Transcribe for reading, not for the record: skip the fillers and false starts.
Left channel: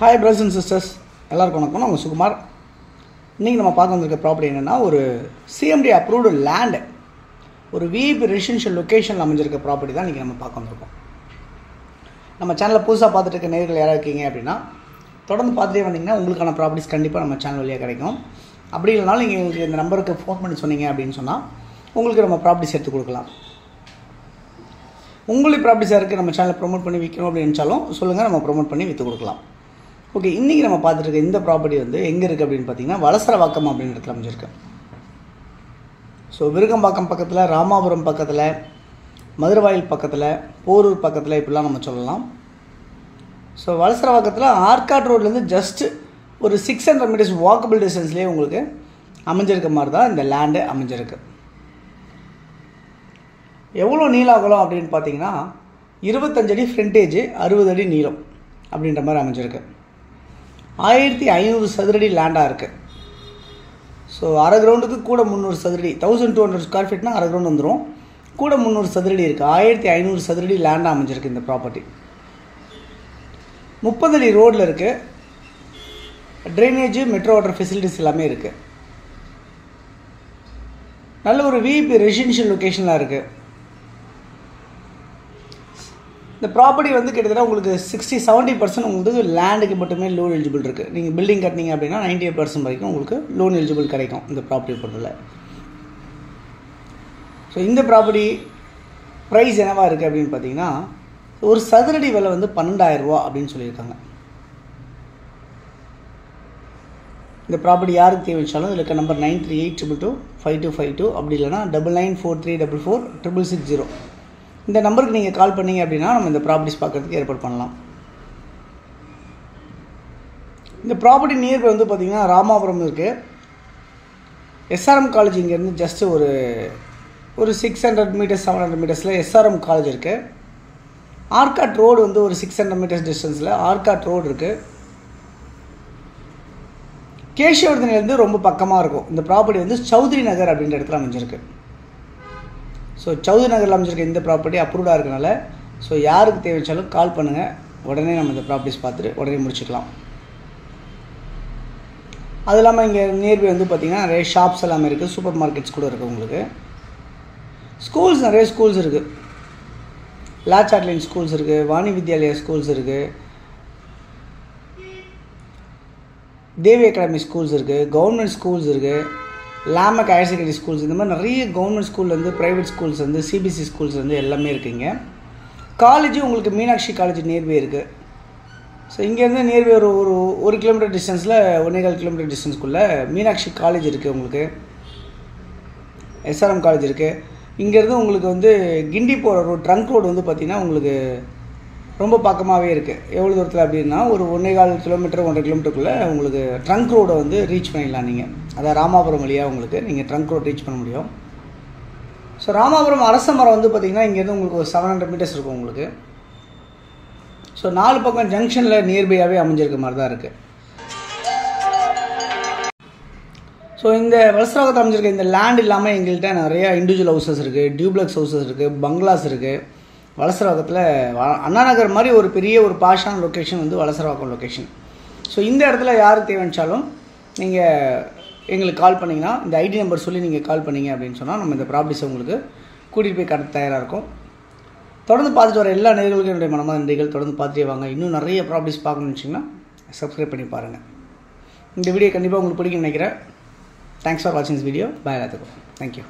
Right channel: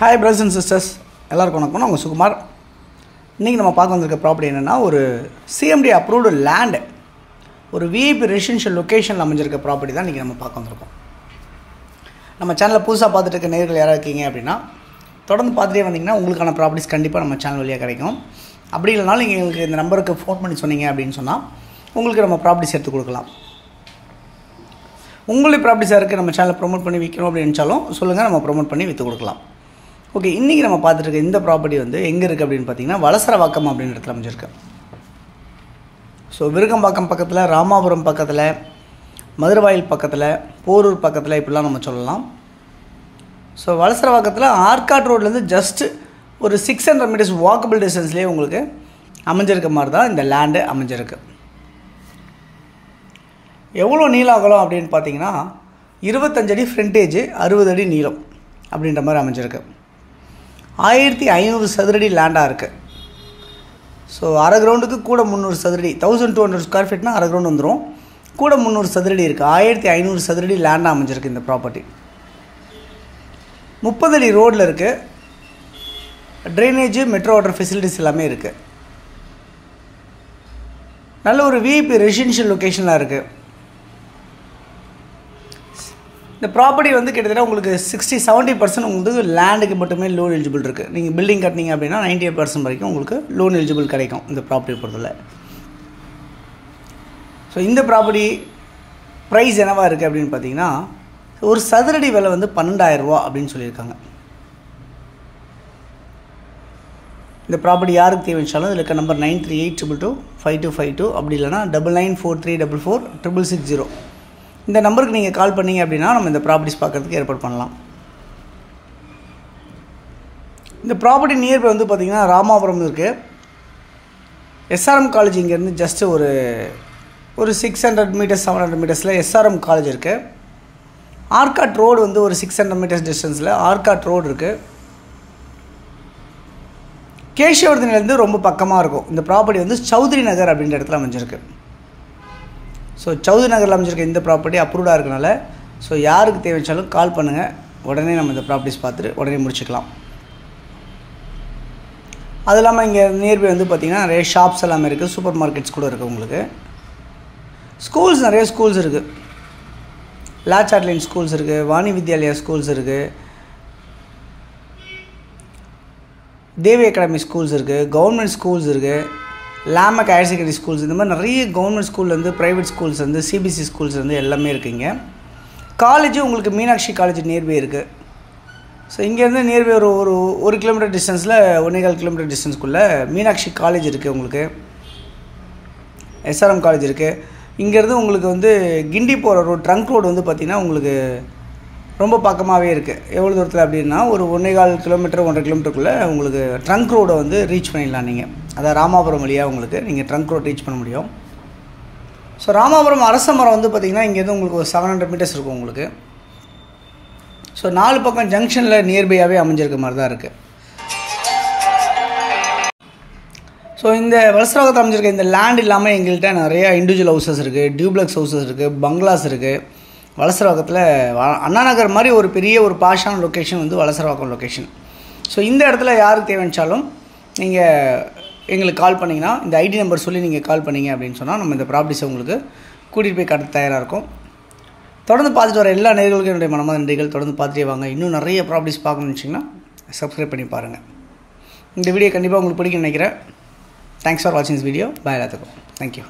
Hi brothers and sisters, எல்லாருக்கும் வணக்கம். நான் சுகுமார். இன்னைக்கு நம்ம பார்க்க வந்திருக்க ப்ராப்பர்ட்டி என்னன்னா ஒரு CMD அப்ரூவ்டு லேண்ட், ஒரு VIP ரெசிடென்ஷியல் லொகேஷன்ல அமைஞ்சிருக்க ப்ராப்பர்ட்டி தான் இன்னைக்கு நம்ம பார்க்க வந்திருக்கோம். நம்ம சேனலை புதுசாக பார்த்துட்டு இருக்க நேயர்கள் யாராவது இருக்கீங்க அப்படின்னா தொடர்ந்து பார்த்துட்டே வந்தீங்கன்னா உங்களுக்கான ப்ராப்பர்ட்டிஸ் கண்டிப்பாக நம்ம சேனல் வழியாக கிடைக்கும். அப்படி இல்லைனாலும் நீங்கள் எங்களுக்கு இந்த நம்பருக்கு ஃபோன் பண்ணி சொன்னீங்க அப்படின்னு சொன்னால் உங்களுக்கு நம்ம ப்ராப்பர்ட்டிஸ் எடுத்து கொடுக்கலாம். உங்களுடைய ப்ராப்பர்ட்டிஸாக இருக்குது நம்ம சேனலை ப்ரொமோட் பண்ணி விற்கணும் அப்படின்னு நினச்சாலும் சொல்லுங்கள், நம்ம ப்ரொமோட் பண்ணி விற்று கொடுக்கலாம். ஓகே, இன்றைக்கி நம்ம பார்த்துட்டு இந்த ப்ராப்பர்ட்டி வந்து எங்கே இருக்குது அப்படின்னு பார்த்தீங்கன்னா வலசரவாக்கம் அப்படின்னு இடத்துல அமைஞ்சிருக்கு. ஸோ விருகம்பாக்கம் பக்கத்தில், ராமாபுரம் பக்கத்தில், மதுரவாயில் பக்கத்தில், போரூர் பக்கத்தில் இப்படிலாம் நம்ம சொல்லலாம். ஸோ வலசரவாக்கத்தில் ஆர்காட் ரோட்லேருந்து ஜஸ்ட் ஒரு 600 மீட்டர்ஸ் வாக்கபிள் டிஸ்டன்ஸ்லேயே உங்களுக்கு அமைஞ்சிருக்க மாதிரி தான் இந்த லேண்டு அமைஞ்சிருக்கு. எவ்வளோ நீளம் அகலம் அப்படின்னு பார்த்தீங்கன்னா 25 அடி ஃப்ரண்டேஜ், 60 அடி நீளம் அப்படின்ற மாதிரி அமைஞ்சிருக்கு. 1500 சதுரடி லேண்டாக இருக்குது. ஸோ அரை கிரவுண்டுக்கு கூட 300 சதுரடி, 1200 ஸ்கொயர் ஃபீட்னா அரை கிரவுண்ட் வந்துடும், கூட 300 சதுரடி இருக்குது. 1500 சதுரடி லேண்டாக அமைஞ்சிருக்கு இந்த ப்ராப்பர்ட்டி. 30 அடி ரோடில் இருக்குது. ட்ரைனேஜ், மெட்ரோ வாட்டர் ஃபெசிலிட்டிஸ் எல்லாமே இருக்குது. நல்ல ஒரு VIP ரெசிடென்ஷியல் லொக்கேஷனாக இருக்குது. இந்த ப்ராப்பர்ட்டி வந்து கிட்டத்தட்ட உங்களுக்கு 60-70% உங்களுக்கு லேண்டுக்கு மட்டுமே லோன் எலிஜிபிள் இருக்குது. நீங்கள் பில்டிங் கட்டினீங்க அப்படின்னா 98% வரைக்கும் உங்களுக்கு லோன் எலிஜிபிள் கிடைக்கும் இந்த ப்ராப்பர்ட்டி பொறுத்தவரை. ஸோ இந்த ப்ராப்பர்ட்டி ப்ரைஸ் என்னவாக இருக்குது அப்படின்னு பார்த்தீங்கன்னா ஒரு சதுரடி விலை வந்து 12,000 ரூபா அப்படின்னு சொல்லியிருக்காங்க. இந்த ப்ராப்பர்ட்டி யாருக்கு தேவைச்சாலும் இதில் இருக்க நம்பர் 9382225252 அப்படி இல்லைனா 9943444660 இந்த நம்பருக்கு நீங்கள் கால் பண்ணிங்க அப்படின்னா நம்ம இந்த ப்ராப்பர்ட்டிஸ் பார்க்குறதுக்கு ஏற்பாடு பண்ணலாம். இந்த ப்ராப்பர்ட்டி நியர்பை வந்து பார்த்திங்கன்னா ராமாபுரம் இருக்குது. SRM காலேஜ் இங்கேருந்து ஜஸ்ட் ஒரு 600 மீட்டர்ஸ் 700 மீட்டர்ஸில் SRM காலேஜ் இருக்குது. ஆர்காட் ரோடு வந்து ஒரு 600 மீட்டர்ஸ் டிஸ்டன்ஸில் ஆர்காட் ரோடு இருக்குது. கேஷவர்தனிலேருந்து ரொம்ப பக்கமாக இருக்கும். இந்த ப்ராப்பர்ட்டி வந்து சௌத்ரி நகர் அப்படின்ற இடத்துல அமைஞ்சிருக்கு. ஸோ சௌத்ரி நகரில் அமைஞ்சிருக்க இந்த ப்ராப்பர்ட்டி அப்ரூவ்டாக இருக்கனால ஸோ யாருக்கு தேவைச்சாலும் கால் பண்ணுங்கள், உடனே நம்ம இந்த ப்ராப்பர்ட்டிஸ் பார்த்துட்டு உடனே முடிச்சுக்கலாம். அது இல்லாமல் இங்கே நியர்பை வந்து பார்த்திங்கன்னா நிறைய ஷாப்ஸ் எல்லாமே இருக்குது, சூப்பர் மார்க்கெட்ஸ் கூட இருக்குது. உங்களுக்கு ஸ்கூல்ஸ், நிறைய ஸ்கூல்ஸ் இருக்குது. லாச் ஆட்லைன் ஸ்கூல்ஸ் இருக்குது, வாணி வித்யாலயா ஸ்கூல்ஸ் இருக்குது, தேவி அகாடமி ஸ்கூல்ஸ் இருக்குது, கவர்மெண்ட் ஸ்கூல்ஸ் இருக்குது, லாமக் ஹையர் செகண்டரி ஸ்கூல்ஸ், இந்த மாதிரி நிறைய கவர்மெண்ட் ஸ்கூல்லேருந்து, ப்ரைவேட் ஸ்கூல்ஸ்லேருந்து, CBSE ஸ்கூல்ஸ்லேருந்து எல்லாமே இருக்குங்க. காலேஜு உங்களுக்கு மீனாட்சி காலேஜ் நியர்பை இருக்குது. ஸோ இங்கேருந்து நியர்பை ஒரு கிலோமீட்டர் டிஸ்டன்ஸில் 1.25 கிலோமீட்டர் டிஸ்டன்ஸ்க்குள்ளே மீனாட்சி காலேஜ் இருக்குது. உங்களுக்கு SRM காலேஜ் இருக்குது. இங்கேருந்து உங்களுக்கு வந்து கிண்டி போகிற ரோடு, ட்ரங்க் ரோடு வந்து பார்த்திங்கன்னா உங்களுக்கு ரொம்ப பக்கமாகவே இருக்குது. எவ்வளோ தூரத்தில் அப்படின்னா ஒரு 1.25 கிலோமீட்டர் 1.5 கிலோமீட்டருக்குள்ளே உங்களுக்கு ட்ரங்க் ரோடை வந்து ரீச் பண்ணிடலாம். நீங்கள் அதாவது ராமாபுரம் வழியாக உங்களுக்கு நீங்கள் ட்ரங்க் ரோட் ரீச் பண்ண முடியும். ஸோ ராமாபுரம் அரச மரம் வந்து பார்த்திங்கன்னா இங்கேருந்து உங்களுக்கு ஒரு 700 மீட்டர்ஸ் இருக்கும் உங்களுக்கு. ஸோ 4 பக்கம் ஜங்ஷனில் நியர்பையாகவே அமைஞ்சிருக்க மாதிரி தான் இருக்குது. ஸோ இந்த வலசரவாக்கத்தில் அமைஞ்சிருக்க இந்த லேண்ட் இல்லாமல் எங்கள்கிட்ட நிறைய இண்டிவிஜுவல் ஹவுசஸ் இருக்குது, டியூப்ளெக்ஸ் ஹவுசஸ் இருக்குது, பங்களாஸ் இருக்குது. வலசரவாக்கத்தில் அண்ணா நகர் மாதிரி ஒரு பெரிய ஒரு பாஷான லொக்கேஷன் வந்து வலசரவாக்கம் லொக்கேஷன். ஸோ இந்த இடத்துல யாருக்கு தேவைச்சாலும் நீங்கள் எங்களுக்கு கால் பண்ணிங்கன்னா இந்த ஐடி நம்பர் சொல்லி நீங்கள் கால் பண்ணிங்க அப்படின்னு சொன்னால் நம்ம இந்த ப்ராப்பர்ட்டிஸை உங்களுக்கு கூட்டிகிட்டு போய் கட்ட தயாராக இருக்கும். தொடர்ந்து பார்த்துட்டு வர எல்லா நேயர்களுக்கும் என்னுடைய மனமார்ந்த நன்றிகள். தொடர்ந்து பார்த்துட்டே வாங்க. இன்னும் நிறைய ப்ராப்பர்ட்டிஸ் பார்க்கணும்னு வச்சிங்கன்னா சப்ஸ்கிரைப் பண்ணி பாருங்கள். இந்த வீடியோ கண்டிப்பாக உங்களுக்கு பிடிக்கும்னு நினைக்கிறேன். தேங்க்ஸ் ஃபார் வாட்சிங் திஸ் வீடியோ. பாய் எல்லாத்துக்கும். தேங்க்யூ.